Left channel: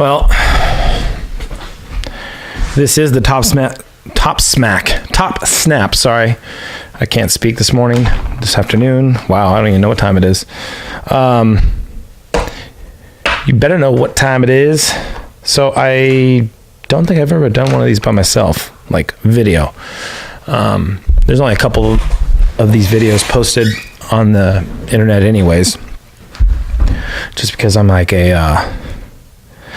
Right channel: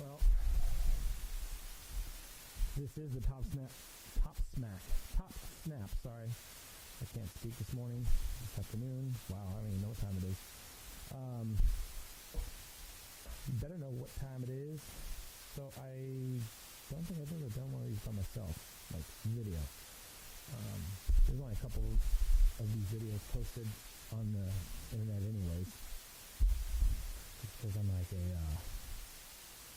Well, this is the Topsnap. Sorry, I can't speak this afternoon. Wow, I don't even know what time it is. You better know what time it is. So I don't think I've ever done one of these by myself, like video. There's only a couple of these videos posted on the internet anyways, just because I'm like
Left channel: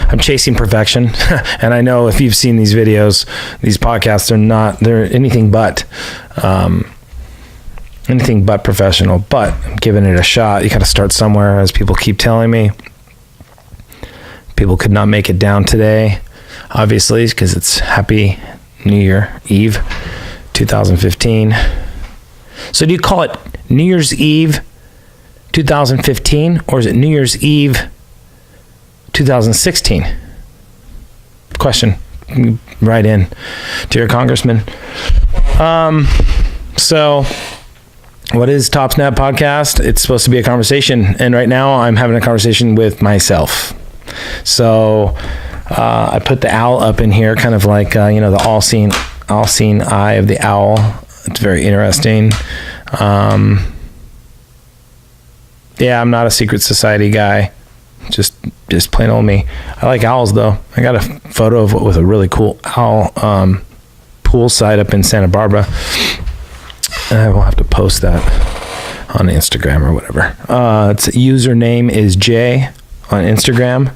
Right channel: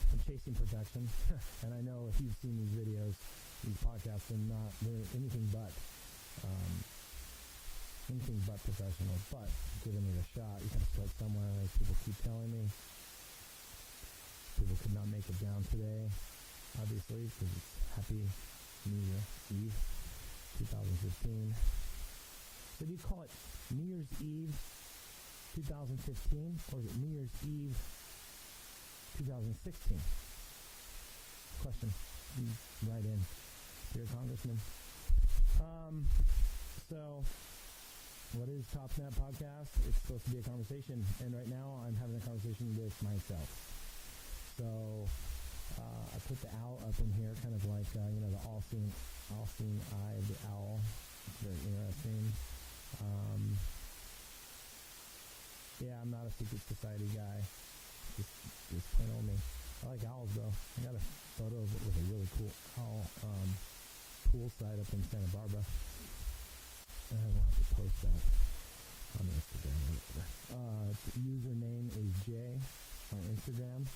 I'm chasing perfection. And I know if you've seen these videos, these podcasts, they're anything but professional, but I'm giving it a shot. You got to start somewhere, as people keep telling me. People could not make it down today, obviously, because it's Happy New Year Eve 2015. So do you call it New Year's Eve 2015, or is it New Year's Eve 2016? Question. Write in to your congressman. So what is Topsnap podcast? It's supposed to be a conversation, and right now I'm having a conversation with myself. So I put the owl up in here, kind of like the all-seeing eye of the owl. It's very interesting. Yeah, I'm not a secret society guy. Just plain old me. I like owls though. I got a photo with a really cool owl poolside up in Santa Barbara. I will have to post that on Instagram or whatever. Its username is Jay on Instagram.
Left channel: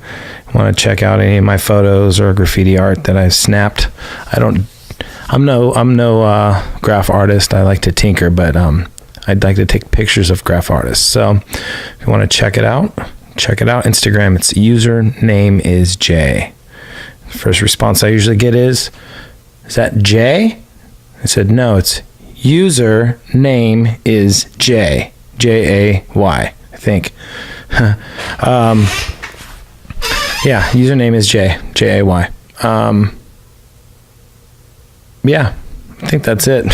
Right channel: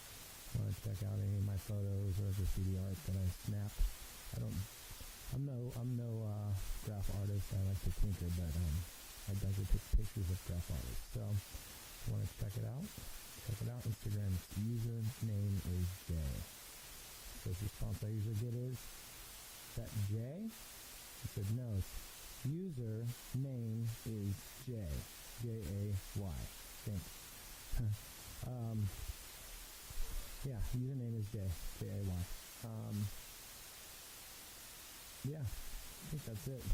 Want to check out any of my photos or graffiti art that I snapped? I'm no graph artist. I like to tinker, but I'd like to take pictures of graph artists. So if you want to check it out. Instagram, its username is Jay. First response I usually get is that Jay? I said, no, it's username is Jay. Jay, I think. Yeah, username is Jay. Jay. Yeah, I think that's it.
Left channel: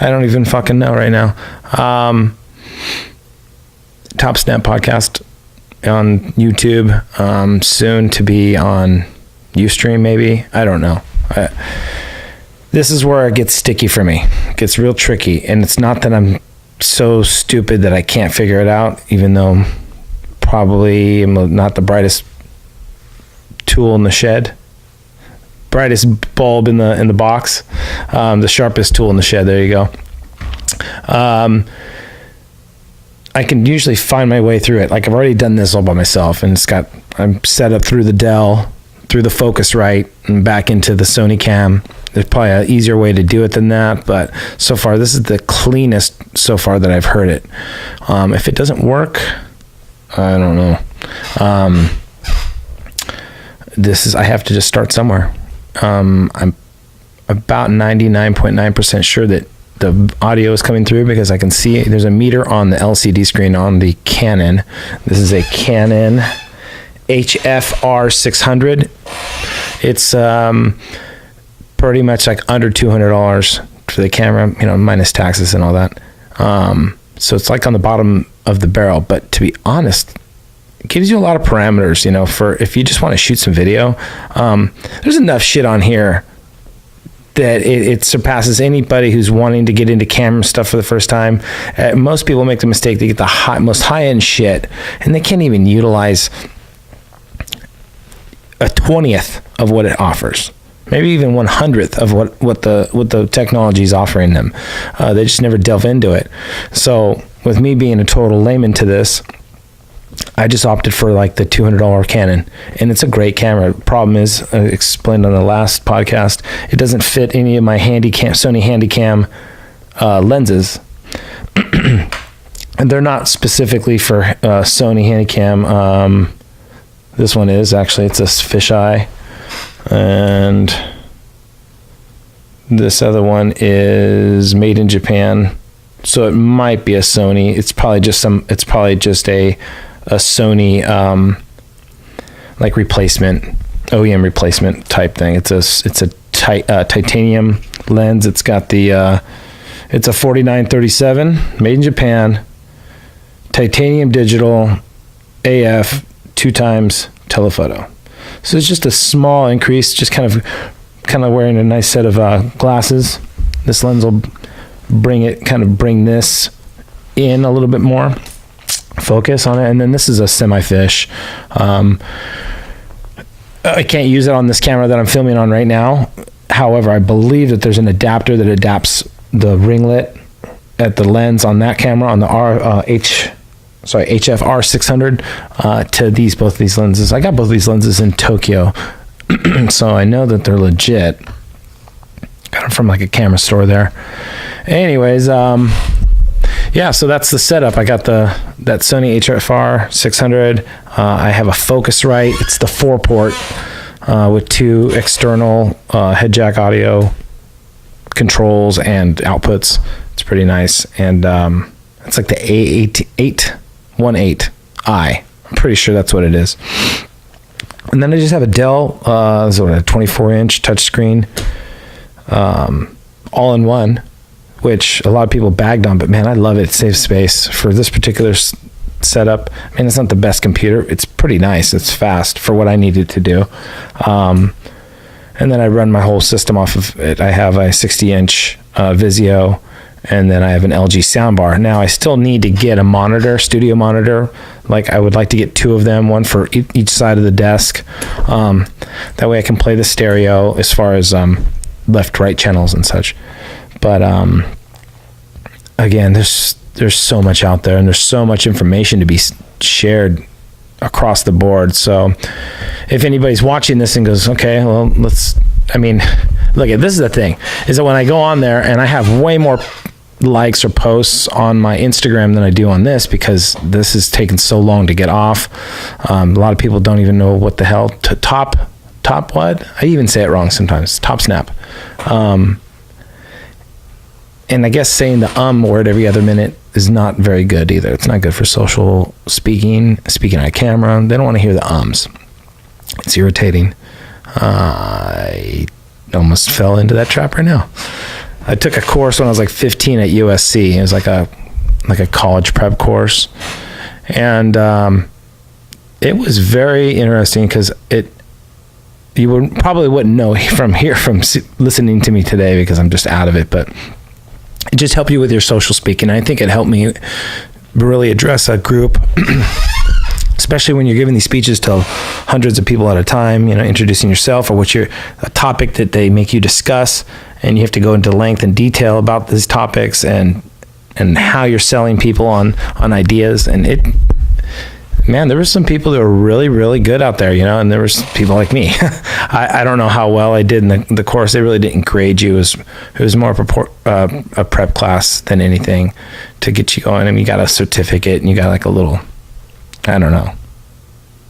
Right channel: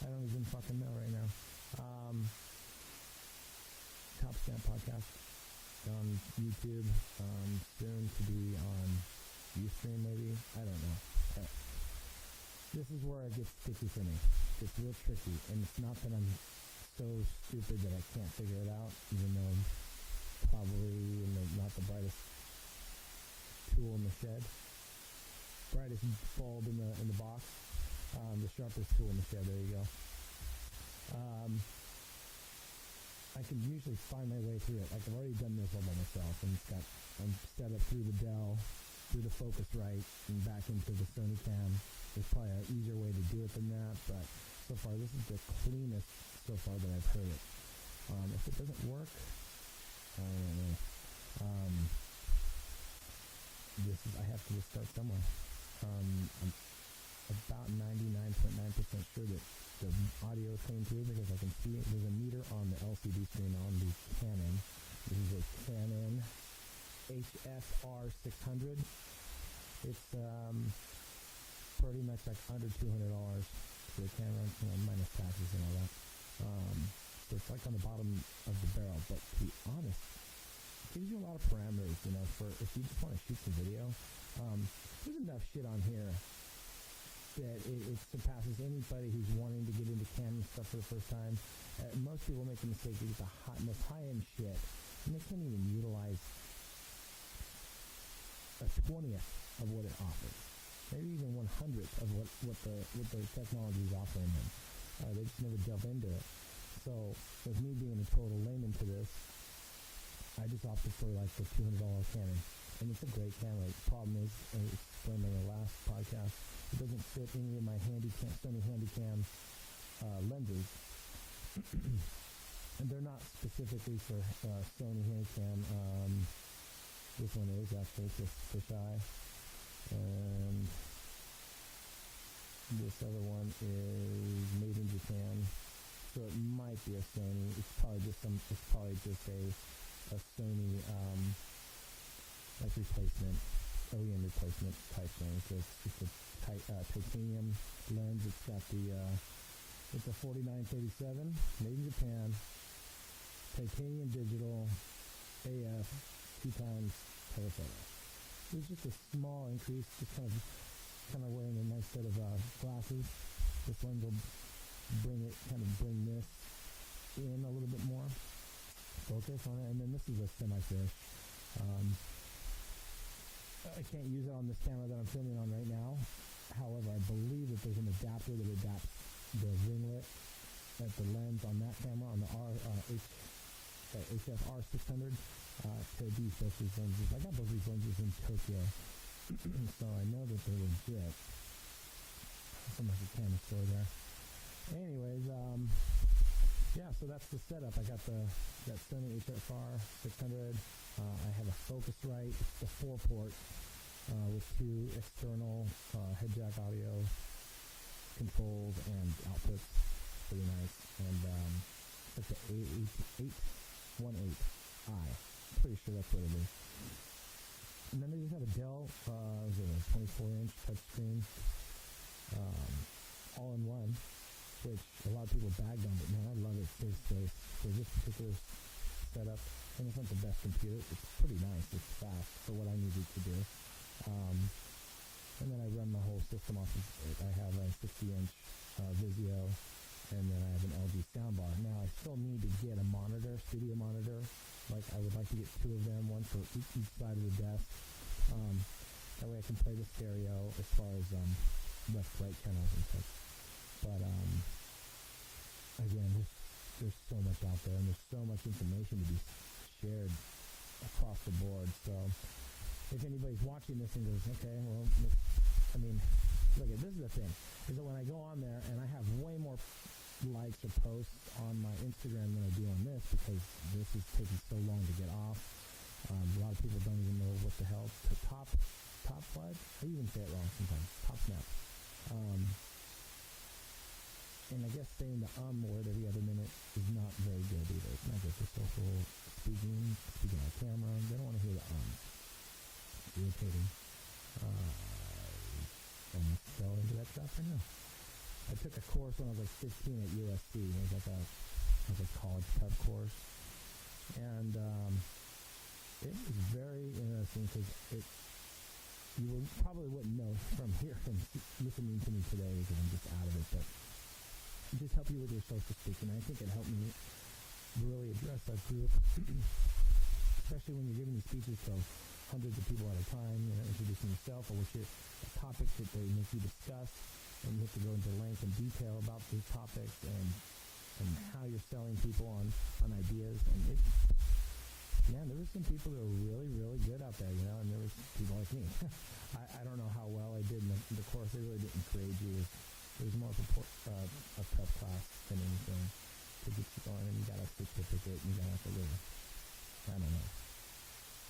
I don't even fucking know right now. Topsnap podcast on YouTube, soon to be on Ustream maybe. I don't know. This is where it gets sticky for me. It gets real tricky, and it's not that I'm so stupid that I can't figure it out, even though probably I'm not the brightest tool in the shed, brightest bulb in the box, the sharpest tool in the shed. There you go. I can usually find my way through it. Like, I've already done this all by myself, and I'm set up through the Dell, through the Focusrite, and back into the Sony Cam. There's probably an easier way to do it than that, but so far this is the cleanest so far that I've heard it. If it doesn't work, I don't know. I have to just start somewhere. I'm about 99.9% sure that the audio is coming through, because I can see there's a meter on the LCD screen on the Canon. This is a Canon HFR 600. It's pretty much like under $200 for the camera, minus taxes and all that. So it's like on the bottom of the barrel, but to be honest, it gives you a lot of parameters, for if you just want to shoot some video. There's enough shit on here that it surpasses anybody who's wanting to get into camera stuff for the first time. Most people make the mistake, they get the most high-end shit, and they can't even utilize a 20th of what it offers. Maybe even 100th of what the technology is offering them. They just never delve into it. So with me being a total layman to this, I just opted for like the $200 Canon, and it's a great camera. Problem is, I explained on the last podcast, it doesn't fit any of my Sony Handycam lenses. And they're not specifically for Sony Handycam. This one is actually, it's a fisheye, and this other one is made in Japan, so it might be a Sony. It's probably just a Sony like replacement, OEM replacement type thing. It's a titanium lens. It's got the it's a 49-37 made in Japan, titanium digital AF 2x telephoto. So it's just a small increase, just kind of wearing a nice set of glasses. This lens will bring this in a little bit more, focus on it. And then this is a semi-fish. I can't use it on this camera that I'm filming on right now. However, I believe that there's an adapter that adapts the ringlet at the lens on that camera, on the HF 600 to both these lenses. I got both these lenses in Tokyo, so I know that they're legit. Got them from like a camera store there. Anyways, yeah, so that's the setup. I got that Sony HFR 600. I have a Focusrite. It's the 4-port with 2 external head jack audio controls and outputs. It's pretty nice. And it's like the A818i. I'm pretty sure that's what it is. And then I just have a Dell, a 24-inch touchscreen, all-in-one, which a lot of people bagged on, but man, I love it. It saves space for this particular setup. I mean, it's not the best computer. It's pretty nice. It's fast for what I needed to do. And then I run my whole system off of it. I have a 60-inch Vizio, and then I have an LG soundbar. Now I still need to get a monitor, studio monitor. Like I would like to get 2 of them, one for each side of the desk. That way I can play the stereo as far as left, right channels and such. But again, there's so much out there, and there's so much information to be shared across the board. So if anybody's watching this and goes, okay, well, this is the thing, is that when I go on there and I have way more likes or posts on my Instagram than I do on this, because this has taken so long to get off. A lot of people don't even know what the hell top what? I even say it wrong sometimes. Topsnap. And I guess saying the word every other minute is not very good either. It's not good for social speaking on a camera. They don't want to hear the ums. It's irritating. I almost fell into that trap right now. I took a course when I was like 15 at USC. It was like a college prep course. And it was very interesting because you probably wouldn't know from listening to me today because I'm just out of it, but it just helped you with your social speaking. I think it helped me really address a group, especially when you're giving these speeches to hundreds of people at a time, introducing yourself or a topic that they make you discuss, and you have to go into length and detail about these topics and how you're selling people on ideas. And there were some people that were really, really good out there, and there was people like me. I don't know how well I did in the course. They really didn't grade you. It was more of a prep class than anything to get you going. I mean, you got a certificate and you got like a little, I don't know,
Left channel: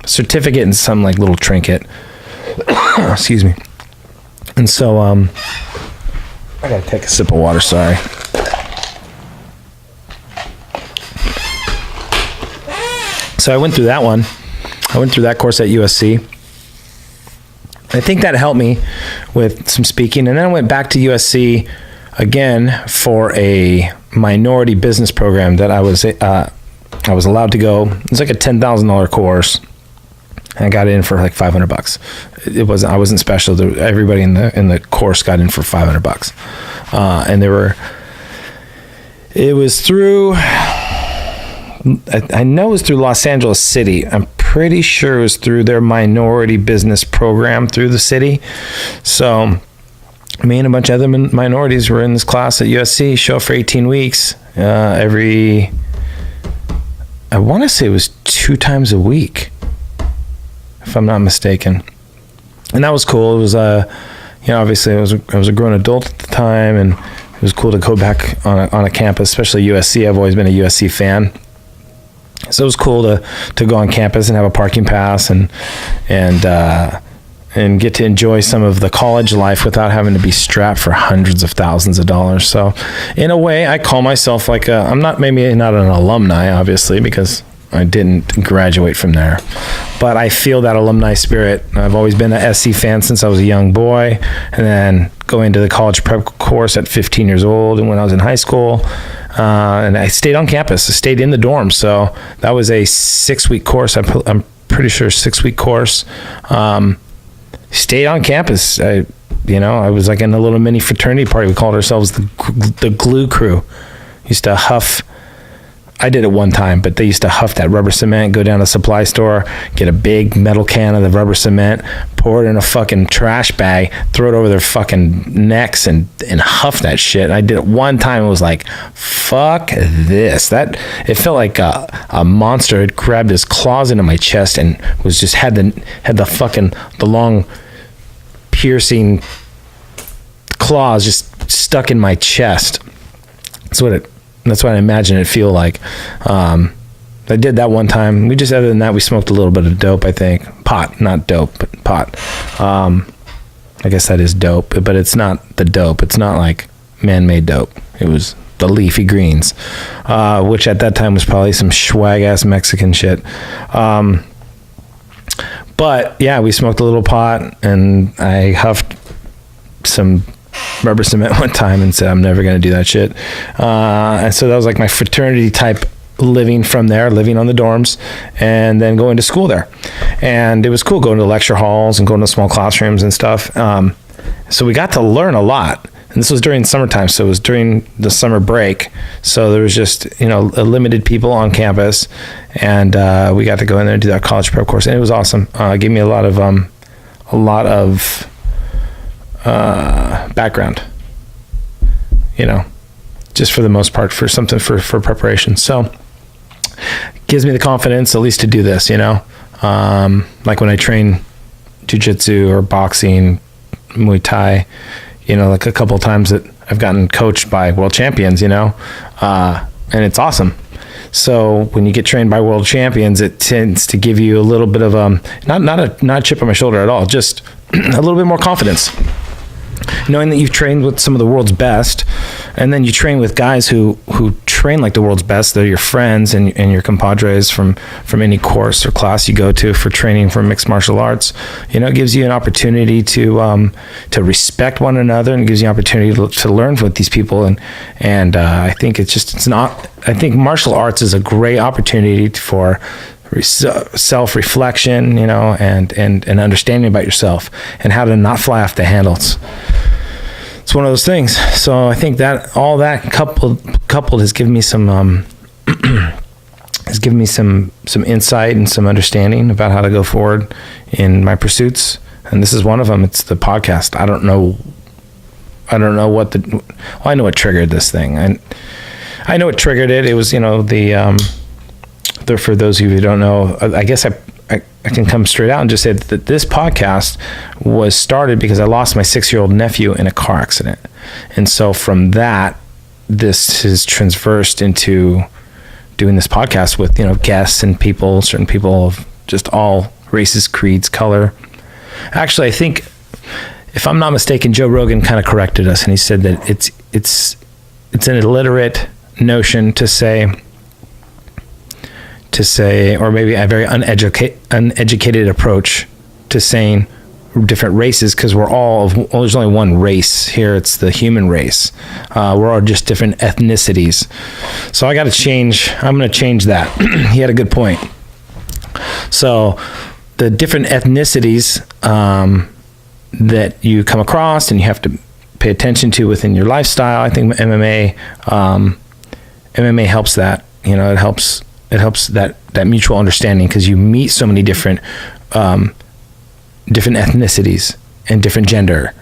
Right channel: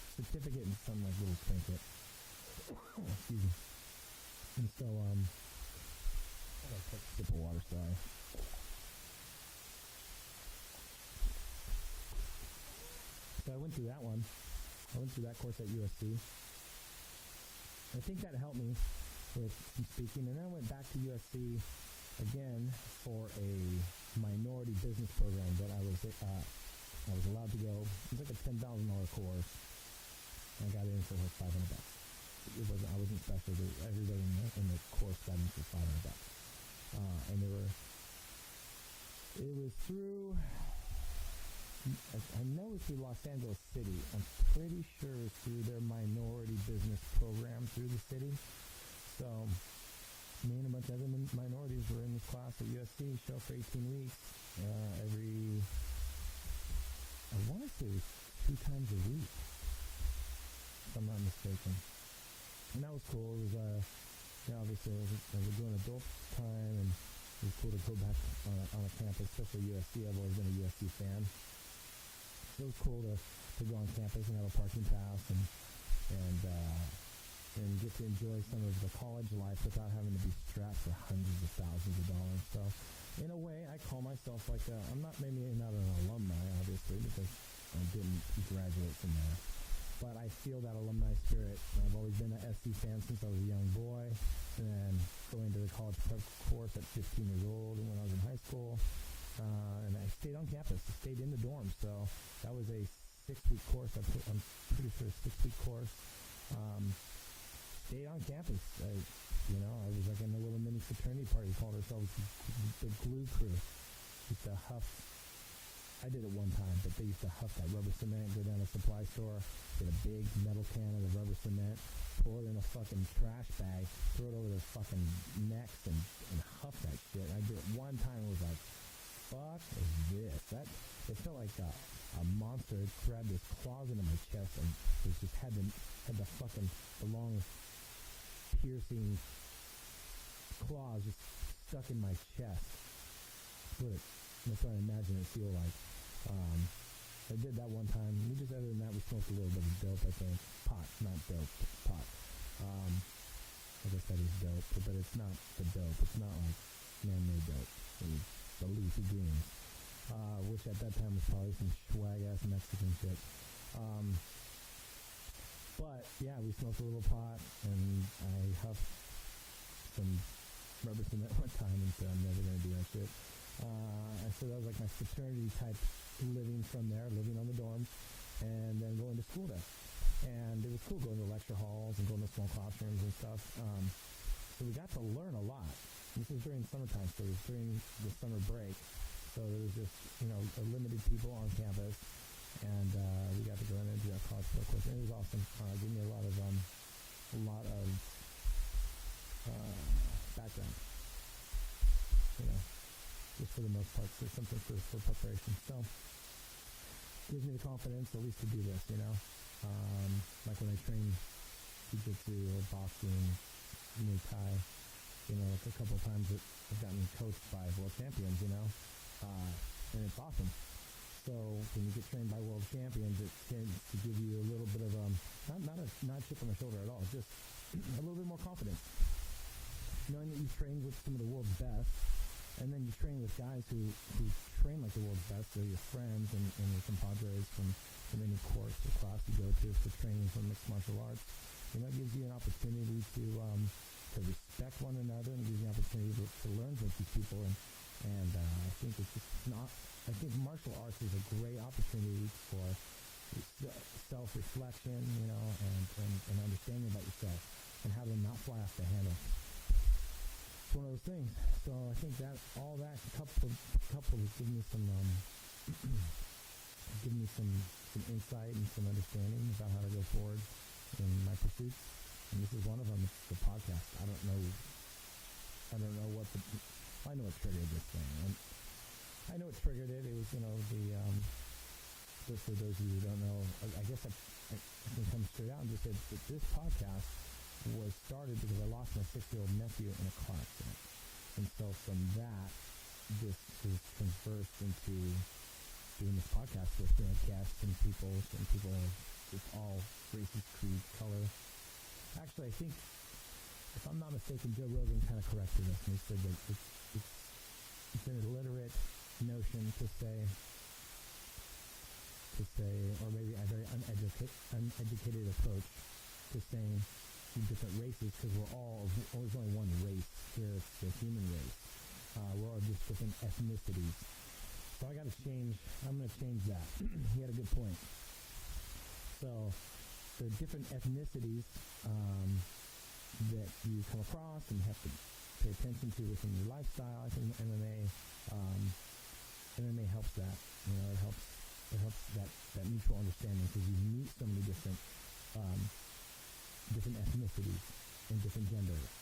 certificate and some like little trinket. Excuse me. And so, I gotta take a sip of water, sorry. So I went through that one. I went through that course at USC. I think that helped me with some speaking. And then I went back to USC again for a minority business program that I was allowed to go. It was like a $10,000 course. And I got in for like $500. I wasn't special. Everybody in the course got in for $500. And it was through, I know it was through Los Angeles City. I'm pretty sure it was through their minority business program through the city. So me and a bunch of other minorities were in this class at USC, show for 18 weeks. I want to say it was 2 times a week, if I'm not mistaken. And that was cool. It was, obviously I was a grown adult at the time, and it was cool to go back on a campus, especially USC. I've always been a USC fan. So it was cool to go on campus and have a parking pass and get to enjoy some of the college life without having to be strapped for hundreds of thousands of dollars. So in a way, I call myself I'm maybe not an alumni, obviously, because I didn't graduate from there, but I feel that alumni spirit. I've always been a SC fan since I was a young boy, and then going to the college prep course at 15 years old, and when I was in high school, and I stayed on campus. I stayed in the dorms. So that was a 6-week course. I'm pretty sure 6-week course. Stayed on campus. I was like in a little mini fraternity party. We called ourselves the glue crew. Used to huff. I did it one time, but they used to huff that rubber cement, go down to the supply store, get a big metal can of the rubber cement, pour it in a fucking trash bag, throw it over their fucking necks and huff that shit. And I did it one time. It was like, fuck this. It felt like a monster had grabbed his claws into my chest and was just had the long piercing claws just stuck in my chest. That's what I imagine it feel like. I did that one time. Other than that, we smoked a little bit of dope, I think. Pot, not dope, but pot. I guess that is dope, but it's not the dope. It's not like man-made dope. It was the leafy greens, which at that time was probably some swag-ass Mexican shit. But yeah, we smoked a little pot, and I huffed some rubber cement one time and said, I'm never going to do that shit. And so that was like my fraternity type living from there, living on the dorms, and then going to school there. And it was cool going to lecture halls and going to small classrooms and stuff. So we got to learn a lot. And this was during summertime, so it was during the summer break. So there was just, a limited people on campus, and we got to go in there and do that college prep course, and it was awesome. It gave me a lot of background, just for the most part, for something for preparation. So it gives me the confidence at least to do this, like when I train jiu-jitsu or boxing, Muay Thai, like a couple of times that I've gotten coached by world champions, and it's awesome. So when you get trained by world champions, it tends to give you a little bit of not a chip on my shoulder at all, just a little bit more confidence, knowing that you've trained with some of the world's best, and then you train with guys who train like the world's best. They're your friends and your compadres from any course or class you go to for training for mixed martial arts. It gives you an opportunity to respect one another, and it gives you an opportunity to learn with these people. And I think I think martial arts is a great opportunity for self-reflection, and understanding about yourself and how to not fly off the handle. It's one of those things. So I think that all that coupled has given me some some insight and some understanding about how to go forward in my pursuits. And this is one of them. It's the podcast. I don't know I know what triggered this thing. And I know what triggered it. It was, for those of you who don't know, I guess I can come straight out and just say that this podcast was started because I lost my 6-year-old nephew in a car accident. And so from that, this has transversed into doing this podcast with, guests and people, certain people of just all races, creeds, color. Actually, I think, if I'm not mistaken, Joe Rogan kind of corrected us, and he said that it's an illiterate notion to say, or maybe a very uneducated approach to saying different races, because there's only one race here. It's the human race. We're all just different ethnicities. So I'm going to change that. He had a good point. So the different ethnicities that you come across and you have to pay attention to within your lifestyle, I think MMA helps that. It helps that mutual understanding, because you meet so many different ethnicities and different gender.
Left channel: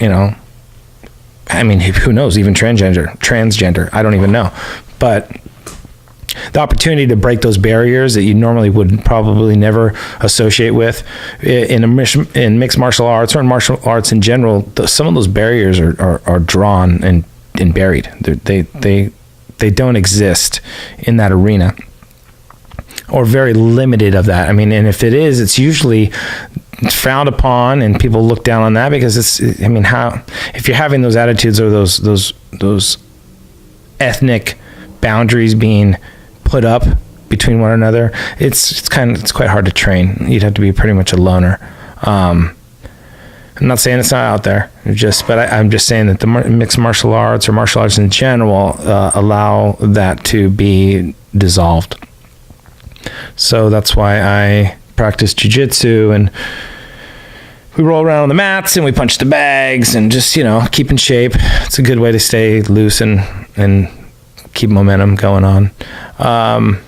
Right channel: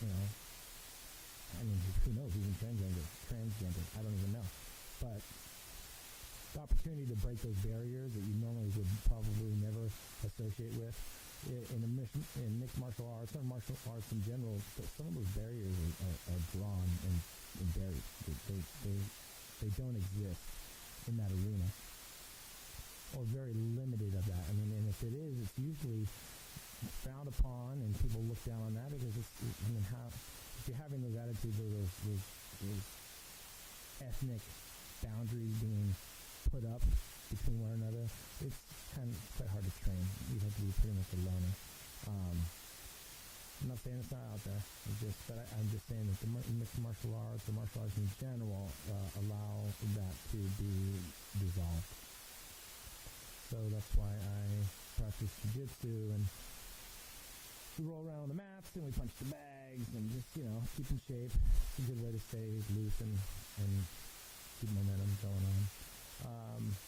I mean, who knows? Even transgender. I don't even know. But the opportunity to break those barriers that you normally would probably never associate with in mixed martial arts or in martial arts in general, some of those barriers are drawn and buried. They don't exist in that arena, or very limited of that. I mean, and if it is, it's usually frowned upon and people look down on that, because if you're having those attitudes or those ethnic boundaries being put up between one another, it's quite hard to train. You'd have to be pretty much a loner. I'm not saying it's not out there, but I'm just saying that the mixed martial arts or martial arts in general allow that to be dissolved. So that's why I practice jujitsu, and we roll around on the mats and we punch the bags and just, keep in shape. It's a good way to stay loose and keep momentum going on. I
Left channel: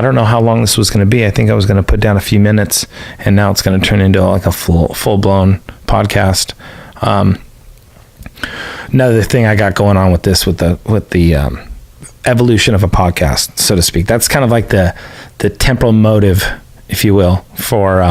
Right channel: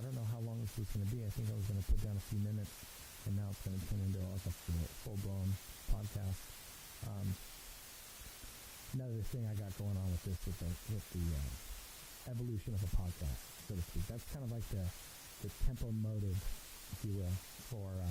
don't know how long this was going to be. I think I was going to put down a few minutes, and now it's going to turn into like a full-blown podcast. Another thing I got going on with this, with the evolution of a podcast, so to speak. That's kind of like the temporal motive, if you will, for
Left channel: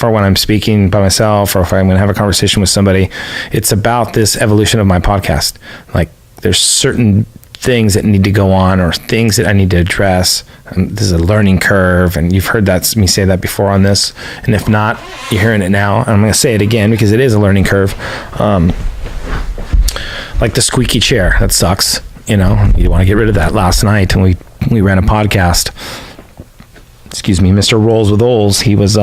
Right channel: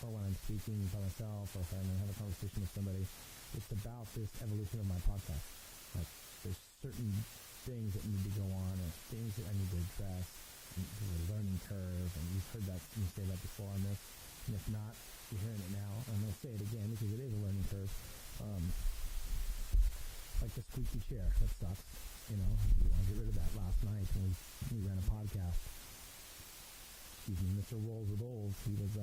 when I'm speaking by myself, or if I'm going to have a conversation with somebody. It's about this evolution of my podcast. Like, there's certain things that need to go on, or things that I need to address. This is a learning curve, and you've heard me say that before on this. And if not, you're hearing it now. And I'm going to say it again because it is a learning curve. Like the squeaky chair, that sucks. You want to get rid of that. Last night when we ran a podcast, excuse me, Mr. Rolls with Ols, he was